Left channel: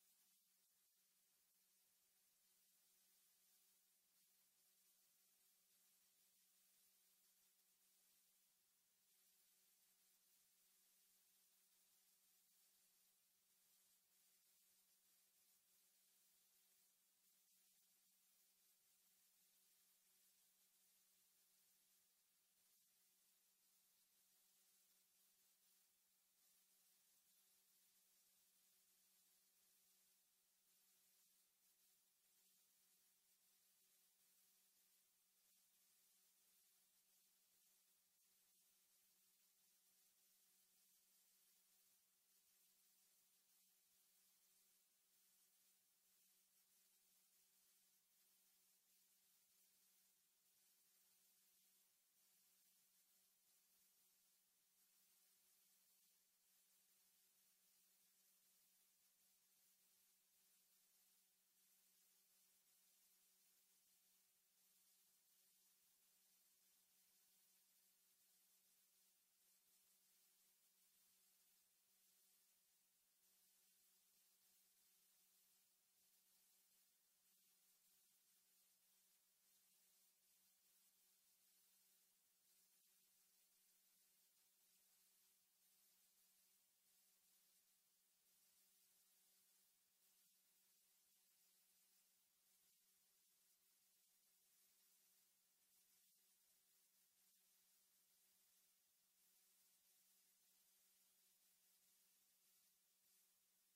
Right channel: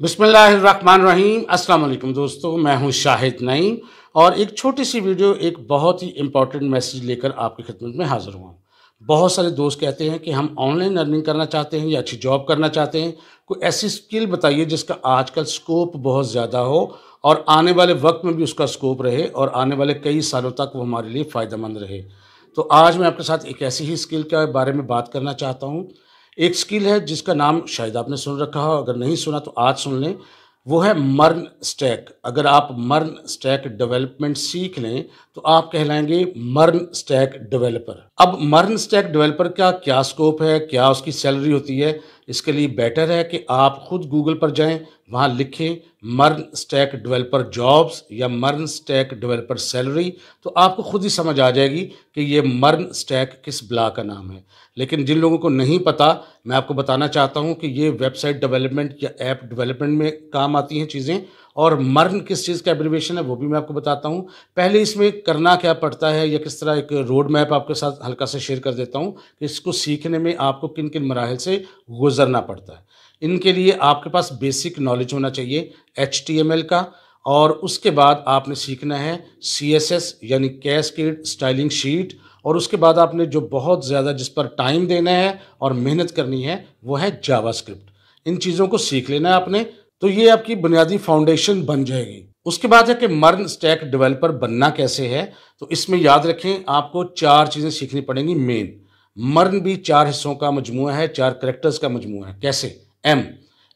बिस्मिल्लाहिर्रहमानिर्रहीम। अस्सलाम वालेकुम दोस्तों, मैं हूं शाहिद नईम और एक छोटी सी वीडियो एक बहुत ही इम्पोर्टेंट मैसेज लेकर आपकी खिदमत में हाजिर हुआ हूं। बहुत सारे दोस्त कहते हैं कि हम ऑनलाइन अर्निंग करना चाहते हैं या अच्छी जॉब करना चाहते हैं। कोई ऐसी स्किल बताइए जिसका आजकल स्कोप बहुत ज़्यादा हो और आने वाले वक्त में भी उसका स्कोप रहे और आने वाले कई सालों तक वो हमारे लिए फ़ायदेमंद रहे। तो आज मैं आपके साथ एक ऐसी ही स्किल के बारे में बात करना चाहता हूँ। एक स्किल है जिसका नाम शायद आपने सुन रखा हो, अगर नहीं सुना तो आज सुन लें। वो है मर्न स्टैक। अगर आप मर्न स्टैक डेवलपमेंट सीख लें तो आप कहलाएंगे मर्न स्टैक डेवलपर। अब मर्न स्टैक डेवलपर का क्या स्कोप है, क्या उसकी सैलरी होती है, इसके लिए बेटर है कि आप खुद गूगल पर जाएं, वहाँ लिखें मर्न स्टैक डेवलपर जॉब्स या मर्न स्टैक डेवलपर सैलरी, तो आपको खुद ही समझ आ जाएगी कि ये मर्न स्टैक किस ब्ला का नाम है। लेकिन जिन लोगों को नहीं पता, मैं आपको बताना चाहता हूं कि ये वेबसाइट डेवलपमेंट या ऐप डेवलपमेंट में काम आती हैं चीज़ें। और मर्न किस चीज़ का एब्रिविएशन है वो भी मैं आपको बताता हूं। पहले इसमें करना क्या पड़ता है या किस तरह एक रोड मैप आपके साथ हल्का से शेयर कर देता हूं कि इसको सीखने में आपको किन किन मराहल से गुजरना पड़ता है। इनके लिए आपके पास बेसिक नॉलेज होना चाहिए HTML का, और उसके बाद आपने सीखना है CSS यानी कैस्केड स्टाइलिंग शीट, और उसके बाद आपने जो बहुत ज़्यादा जिस पर टाइम देना है और मेहनत करनी है वो है जावास्क्रिप्ट। इन चीज़ों को सीख लेना है आपने, तो ये आपकी बुनियादी फाउंडेशन बन जाएगी। उसके बाद है कि मर्न स्टैक डेवलपर बनना कैसे है। तो इसमें याद रखें आपको 4 चीज़ें सीखनी पड़ेंगी मेन। मर्न भी 4 हिस्सों का मजमूआ है, 4 कैरेक्टर्स का मजमूआ है। कैसे? एम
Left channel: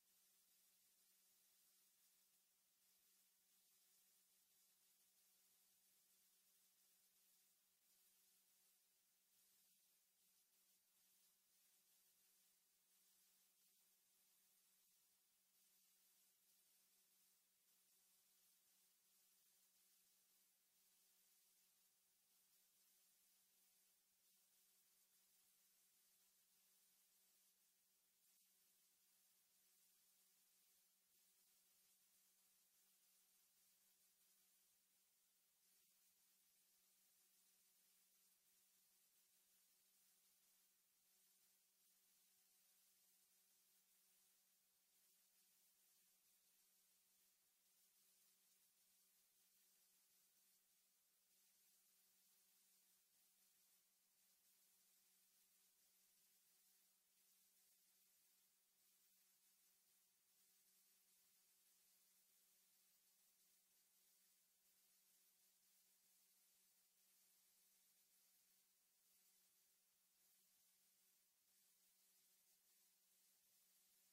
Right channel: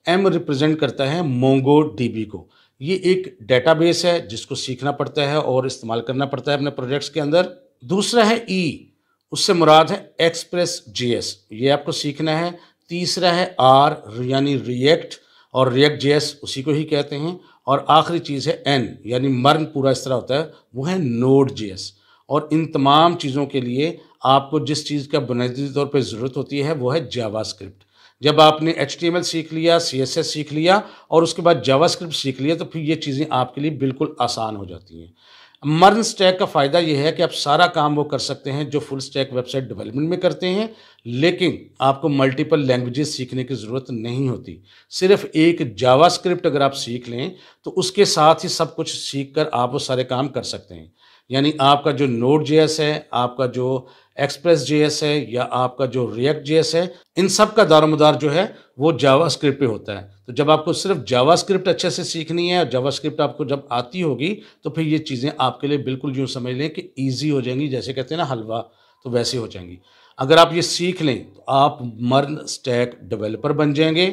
एम रिप्रेजेंट करता है मोंगो डीबी को। ये एक डेटाबेस है जिसको सीखना पड़ता है और इस्तेमाल करना पड़ता है अपने प्रोजेक्ट्स के अंदर। दूसरा है ई, उससे मुराद है एक्सप्रेस जेएस, ये आपको सीखना है। तीसरा है आर यानी रिएक्ट, और रिएक्ट जेएस उसी को ही कहते हैं। और आखिरी चीज़ है एन यानी मर्न पूरा इस तरह होता है, वो है नोड जेएस। और इन तमाम चीज़ों के लिए आपको जिस चीज़ का बुनियादी तौर पर ज़रूरत होती है वो है जावास्क्रिप्ट। जब आपने HTML सीख लिया, CSS सीख लिया और उसके बाद जावास्क्रिप्ट सीख लिया, तो फिर ये चीज़ें आपके लिए बिल्कुल आसान हो जाती हैं। मर्न स्टैक का फ़ायदा ये है कि आप सारा काम वो कर सकते हैं जो फुल स्टैक वेबसाइट डेवलपमेंट में करते हैं, लेकिन आपको मल्टीपल लैंग्वेजेस सीखने की ज़रूरत नहीं होती। सिर्फ एक जावास्क्रिप्ट अगर आप सीख लें तो उसके साथ ही सब कुछ सीख कर आप वो सारे काम कर सकते हैं। यानी आपका जो नोड जेएस है, आपका जो एक्सप्रेस जेएस है या आपका जो रिएक्ट जेएस है, इन सब का दारोमदार जो है वो जावास्क्रिप्ट पे होता है। तो जब आपको सिर्फ जावास्क्रिप्ट अच्छे से सीखनी है और जावास्क्रिप्ट आपको जब आती होगी तो फिर ये चीज़ें आपके लिए बिल्कुल यूँ समझ लें कि ईज़ी हो जाएंगी, जैसे कहते हैं ना हलवा, तो वैसे हो जाएंगी। अगर आप ये सीख लें तो आप मर्न स्टैक डेवलपर बन जाएंगे।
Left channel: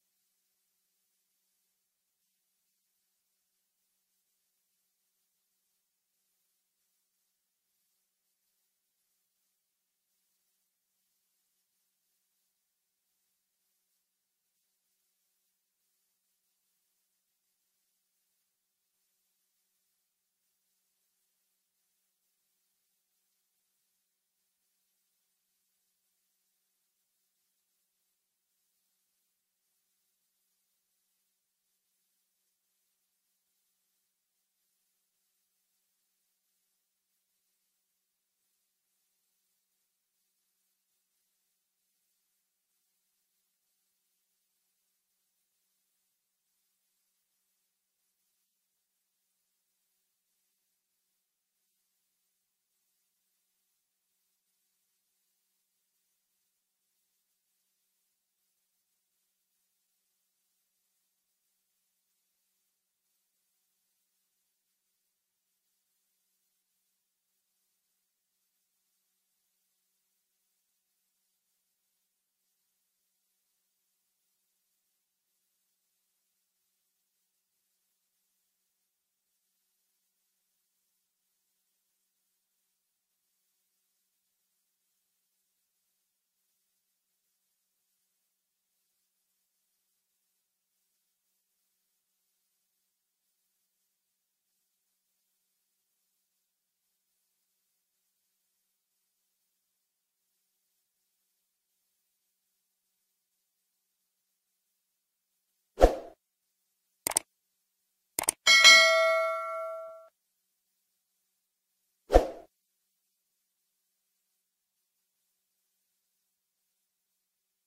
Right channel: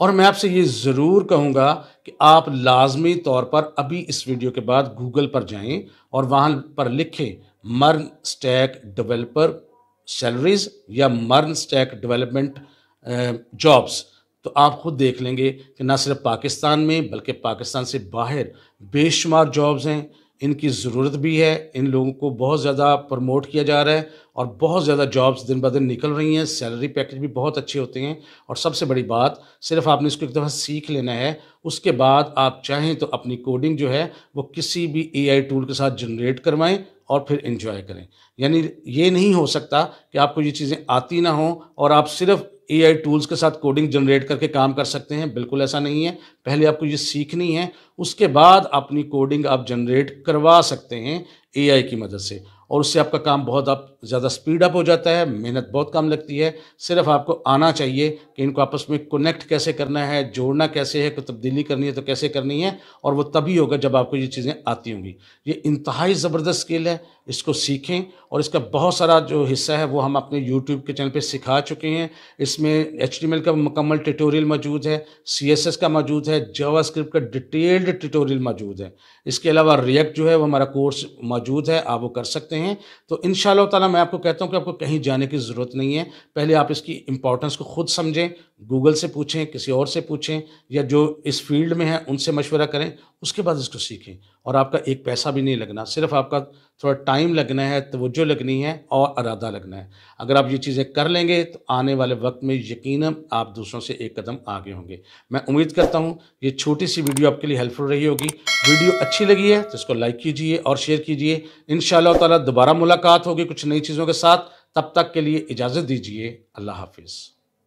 और मैं आपसे ये ज़रूर कहूँगा कि आप लाजमी तौर पर अभी इस वीडियो के बाद गूगल पर जाएं और वहाँ पर लिखें मर्न स्टैक डेवलपर सैलरीज या मर्न स्टैक डेवलपमेंट जॉब्स। तो आप खुद देख लेंगे कि ना सिर्फ पाकिस्तान में बल्कि पाकिस्तान से बाहर बेशुमार जॉब्स हैं। इनकी ज़रूरत भी है, इन लोगों को बहुत ज़्यादा प्रमोट किया जा रहा है और बहुत ज़्यादा जॉब्स दिन ब दिन निकल रही हैं। सैलरी पैकेज भी बहुत अच्छे होते हैं। और सबसे बड़ी बात, सिर्फ आपने इसको एक दफ़ा सीख लेना है, उसके बाद आप चाहें तो अपनी कोडिंग जो है वो किसी भी AI टूल के साथ जनरेट करवाएं और फिर एंजॉय करें। यानी ये नहीं हो सकता कि आपको ये चीज़ें आती ना हो और आप सिर्फ AI टूल्स के साथ कोडिंग जनरेट करके काम कर सकते हैं। बिल्कुल ऐसा नहीं है। पहले आपको ये सीखनी है, उसके बाद अपनी कोडिंग आप जनरेट करवा सकते हैं AI की मदद से, और उससे आपका काम बहुत आप ज़्यादा स्पीड अप हो जाता है, मेहनत बहुत कम लगती है। सिर्फ आपको आना चाहिए कि इनको आपस में कनेक्ट कैसे करना है, जोड़ना कैसे है, कोई तब्दीली करनी है तो कैसे करनी है, और वो तभी होगा जब आपको ये चीज़ें आती होंगी। ये इंतहाई ज़बरदस्त स्किल है, इसको सीखें। और इसका बहुत सारा जो हिस्सा है वो हम अपने यूट्यूब के चैनल पे सिखा चुके हैं। इसमें HTML का मुकम्मल ट्यूटोरियल मौजूद है, CSS का मौजूद है, जावास्क्रिप्ट का डिटेल्ड ट्यूटोरियल मौजूद है। इसके अलावा रिएक्ट जो है वो हमारा कोर्स मौजूद है, आप वो कर सकते हैं। तो इंशाअल्लाह ताला मैं आपको कहता हूँ कि आपको कहीं जाने की ज़रूरत नहीं है। पहले आप इसकी इम्पोर्टेंस को खुद समझें, गूगल से पूछें, किसी और से पूछें, या जो इस फील्ड में है उनसे मशवरा करें, उसके बाद इसको सीखें। और आपका एक पैसा भी नहीं लगना, सिर्फ आपका थोड़ा टाइम लगना है, तवज्जो लगनी है और इरादा लगना है। अगर आप ये चीज़ें कर लेंगे तो आने वाले वक्त में यकीनन आप दूसरों से एक कदम आगे होंगे। मैं उम्मीद करता हूँ ये छोटी सी वीडियो आपके लिए हेल्पफुल रही होगी। वीडियो अच्छी लगी है तो इसको लाइक कीजिए और शेयर कीजिए। इंशाअल्लाह ताला दोबारा मुलाकात होगी कुछ नई चीज़ों के साथ। तब तक के लिए इजाज़त दीजिए। अल्लाह हाफिज़।